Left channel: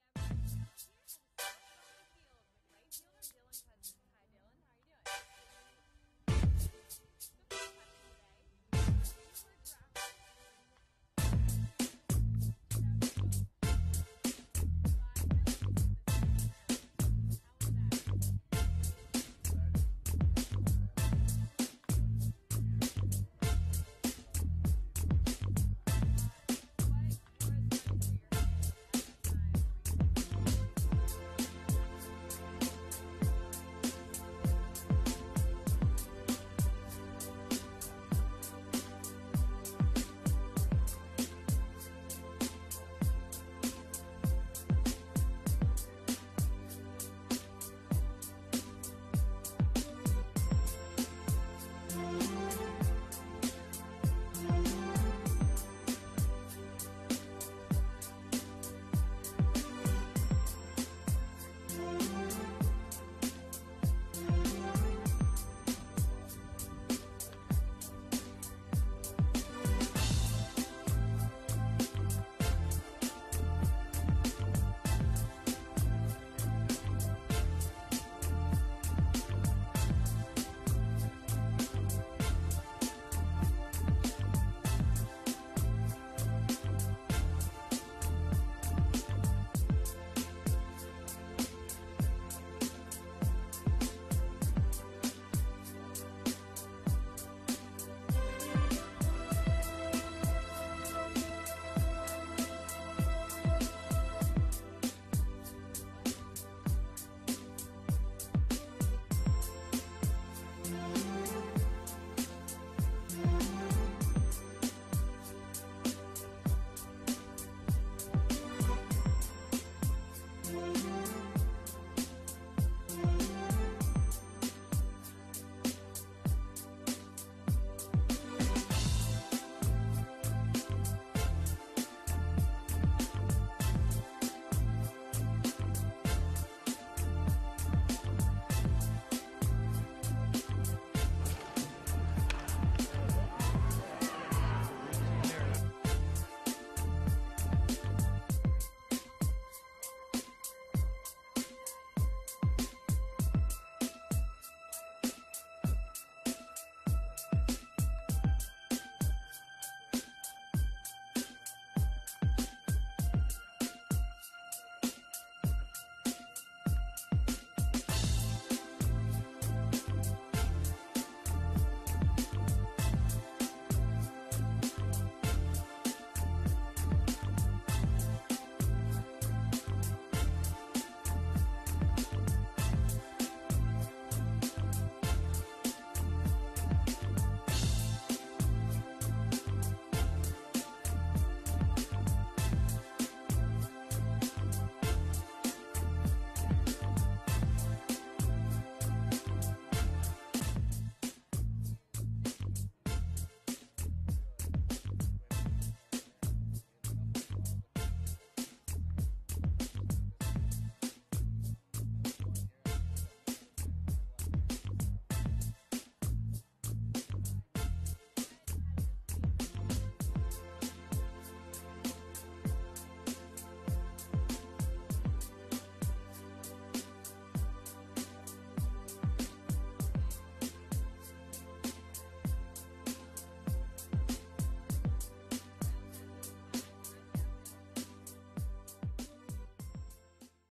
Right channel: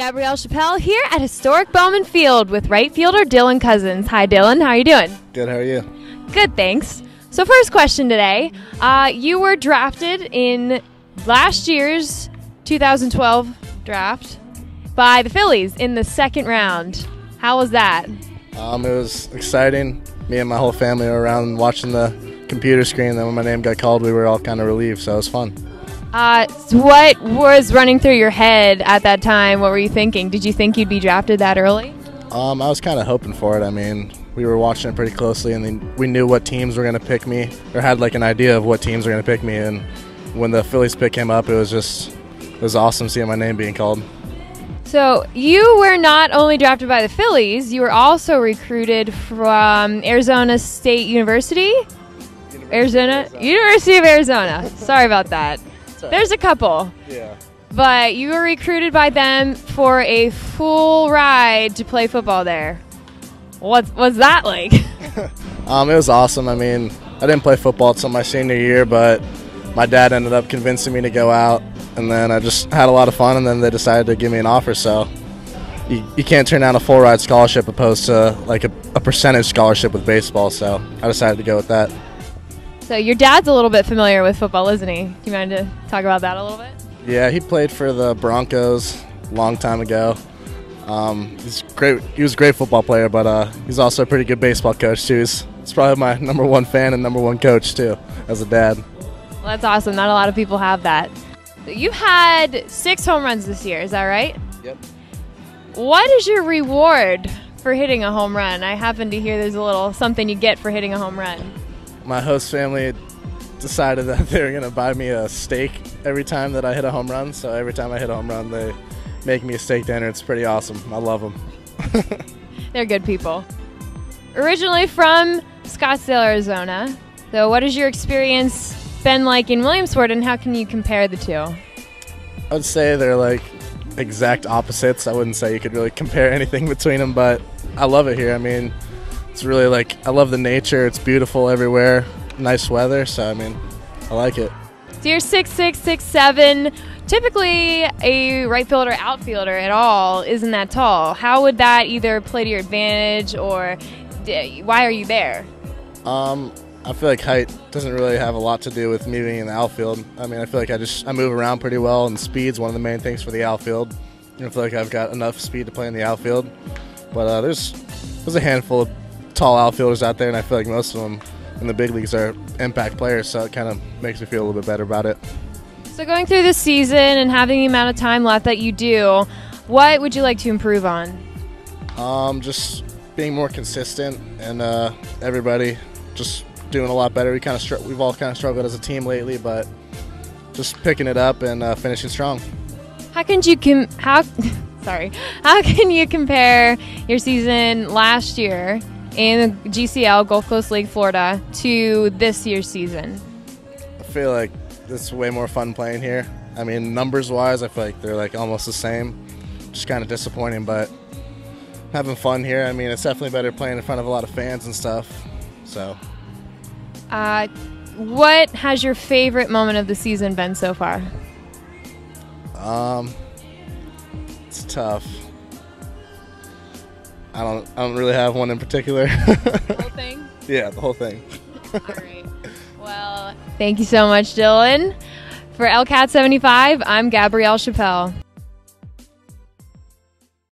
Gabrielle Chappel here at historic Bowman Field with right fielder Dylan Cozens. Hi, Dylan. How are you doing? Good. How are you? Good, thanks. So first question today. You were drafted in last year's 2012 draft by the Phillies in the second round. How was that? It was exciting. Me and my whole family were around watching the computer screen. Then when my name got called, we were all kind of relieved, so it was fun. What was running through your head at that time? What were you thinking? Did you think you'd be drafted that early? I was kind of hoping for it. I mean, we were watching it pretty closely, and then we knew what teams were going to pick me, or had like an idea of what teams were going to pick me. And when the Phillies pick came up, it was awesome seeing my name being called. So you were not only drafted by the Phillies, you were also recruited from Arizona State University? University of Arizona. Sorry about that. There's a couple. Yeah. But you were recruited by them for a full ride to play football there. What's that like? It was awesome. I mean, I didn't play football until my senior year, but my dad ended up convincing me to go out, and then I just had a lot of fun, and then they decided to give me an offer. So you can't turn down a full ride scholarship opposed to like a percentage scholarship with baseball, so I decided to go with that. So your dad's a little bit familiar with football, isn't he? Do you mind to talk about that a little bit? Yeah, he played for the Broncos a long time ago. He's great. He was a great football player, but he's also a pretty good baseball coach too. He's probably my #1 fan and #1 coach too, as a dad. Well, that's awesome. Not a lot of people have that. You've had 6 home runs this year, is that right? Yep. What is your reward for hitting a home run? I happen to hear there's a little something you get for hitting a home run. My host family decided that they were going to buy me a steak every time that I hit a home run. So every time I hit a home run, they make me a steak dinner. It's pretty awesome. I love them. They're good people. Originally from Scottsdale, Arizona. So what has your experience been like in Williamsport, and how can you compare the two? I would say they're like exact opposites. I wouldn't say you could really compare anything between them, but I love it here. I mean, it's really like, I love the nature. It's beautiful everywhere. Nice weather, so I mean, I like it. So you're 6'6", 6'7". Typically, a right fielder, outfielder at all isn't that tall. How would that either play to your advantage, or why are you there? I feel like height doesn't really have a lot to do with me being in the outfield. I mean, I feel like I move around pretty well, and speed's one of the main things for the outfield. I feel like I've got enough speed to play in the outfield. But there's a handful of tall outfielders out there, and I feel like most of them in the big leagues are impact players, so it kind of makes me feel a little bit better about it. So going through the season and having the amount of time left that you do, what would you like to improve on? Just being more consistent, and everybody just doing a lot better. We've all kind of struggled as a team lately, but just picking it up and finishing strong. How can you compare your season last year in the GCL, Gulf Coast League, Florida, to this year's season? I feel like it's way more fun playing here. I mean, numbers-wise, I feel like they're like almost the same. Just kind of disappointing, but having fun here. I mean, it's definitely better playing in front of a lot of fans and stuff. So. What has your favorite moment of the season been so far? It's tough. I don't really have one in particular. The whole thing? Yeah, the whole thing. All right. Well, thank you so much, Dylan. For LCAT 75, I'm Gabrielle Chappel.